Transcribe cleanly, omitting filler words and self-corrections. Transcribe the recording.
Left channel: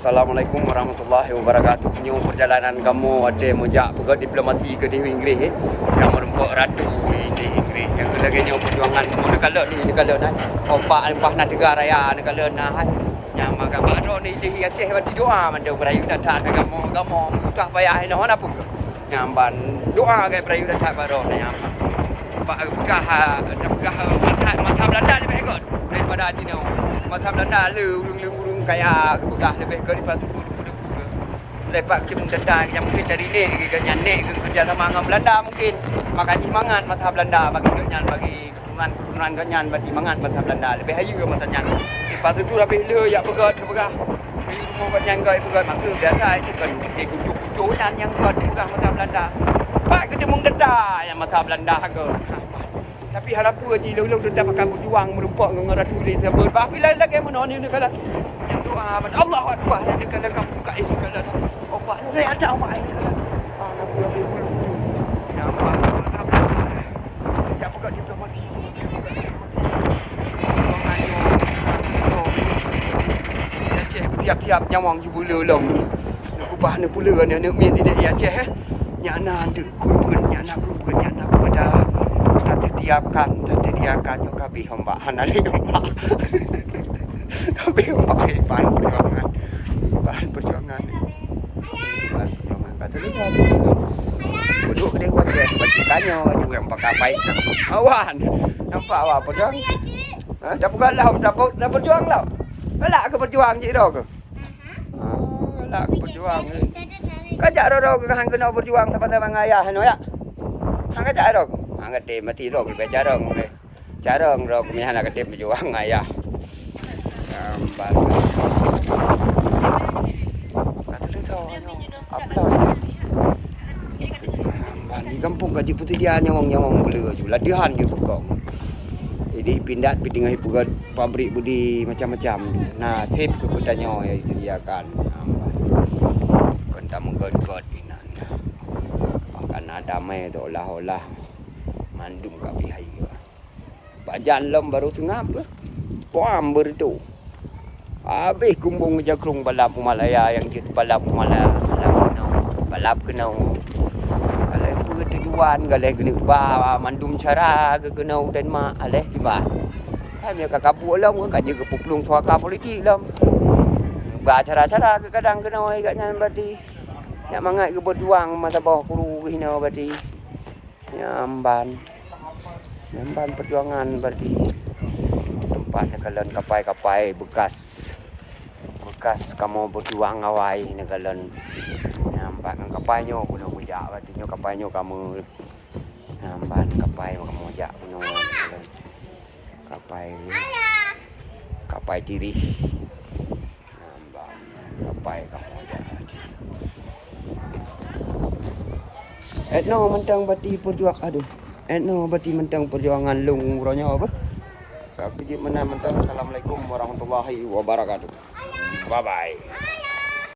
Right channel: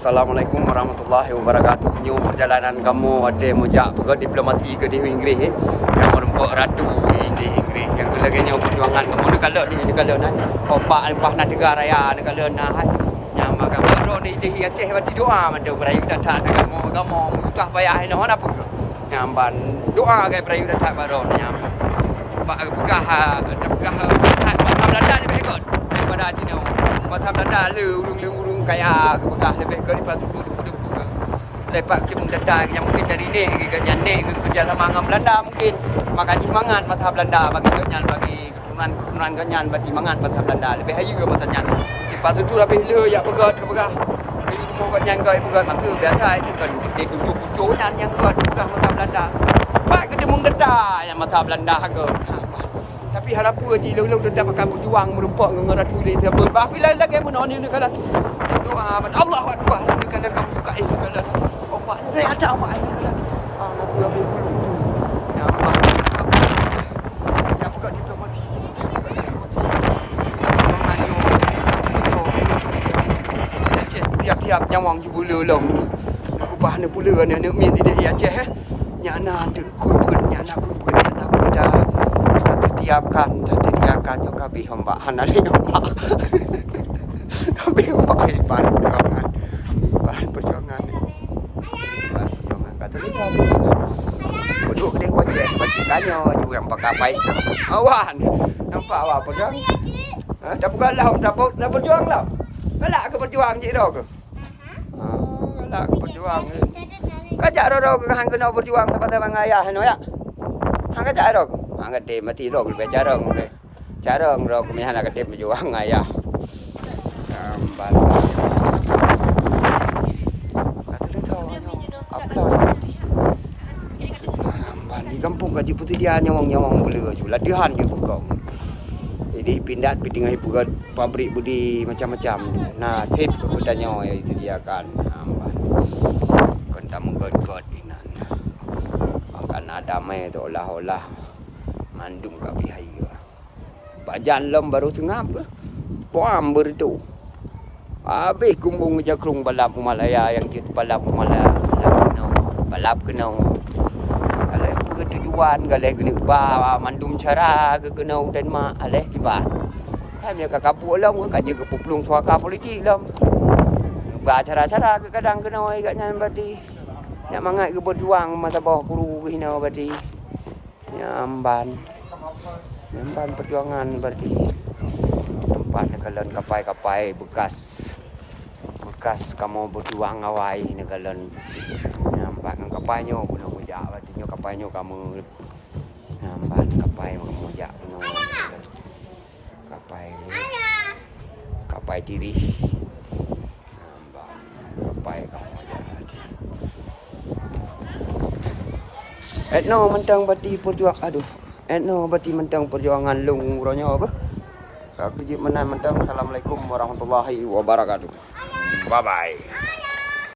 Assalamualaikum warahmatullahi wabarakatuh. New perjalanan kamu ada mujak pegat diplomasi ke di Inggeris yang merempok ratu di Inggeris. Yang lagi perjuangan mana kalau ni kalau nak opak lepas nak tegar raya ni kalau nak yang makan baru ni di Aceh bagi doa mandu berayu datang kamu buka payah ni apa ke. Yang ban doa ke berayu datang baru ni yang pak pegah mata Belanda lebih ikut daripada Cina. Mata Belanda urung kaya ke pegah lebih ikut di patu ke. Lepas kita mendatang yang mungkin dari ni ke nyanek ke kerja sama dengan Belanda mungkin maka semangat mata Belanda bagi kenyan bagi keturunan kenyan bagi semangat mata Belanda lebih hayu ke mata nyan. Di patu tu lebih le ya pegat ke pegah. Jadi rumah kenyan ke pegat maka biasa itu kan di kucu-kucu nyan yang buat pegah mata Belanda. Pak kita mendatang yang mata Belanda ke. Tapi harap apa je lalu dah makan berjuang merempak dengan ratu ni siapa. Tapi lagi mana ni kalau doa Allahu Akbar ni kalau kamu buka itu kalau opak ni ada opak ni kalau nak buat dulu. Ya Allah. Ya bukan diplomasi semua dia bukan diplomasi. Banganyo kalau tu Aceh tiap-tiap nyawang jubula long. Nak ubah ni pula ni nak min di Aceh nya ana kurban nya ana pada didiamkan yo kabeh hamba hanali hamba kabeh bahan perjuangan kata ni duduk dia wajah macam kanyo dia yang pakai baik awan nampak awak perjuang dah bukan lah dah berjuang lah galak ke berjuang je dah ke galak ke berjuang kajak ro ke hang kena berjuang sama-sama ayah no ya hang kajak ro angkat dia mati rok lebih jarang boleh jarang rok mihan angkat dia berjuang ayah gambar kata dia tahu upload di kampung Kaji Putih dia nyawang boleh je latihan je pokok jadi pindah dengan hiburan pabrik budi macam-macam nah tip kebudannya yang disediakan konta menggod-god inan makan damai tu olah-olah mandum kat bihaya. Bajan lem baru sengap ke? Puam bertu. Habis kumbung jakrung balap Malaya yang jadi balap Malaya. Balap kena. Kalau apa tujuan kalau kena ba mandum cara ke kena dan mak aleh tiba. Hai dia kakak pulang ke kat juga peplung suaka politik lem. Ba cara-cara ke kadang kena oi kat nyan berarti. Nak mangat ke berjuang masa bawah kuru ke hina berarti. Nyamban perjuangan berarti tempat nekalan kapai bekas kamu berjuang awai nekalan nyamban kapainya puno mujak berarti nyo kapainya kamu nyamban kapai kamu mujak puno kapai diri nyamban kapai kamu mujak no mentang berarti perjuang aduh berarti mentang perjuangan lung ronya apa tak kejip menang mentang. Assalamualaikum warahmatullahi wabarakatuh. Bye bye.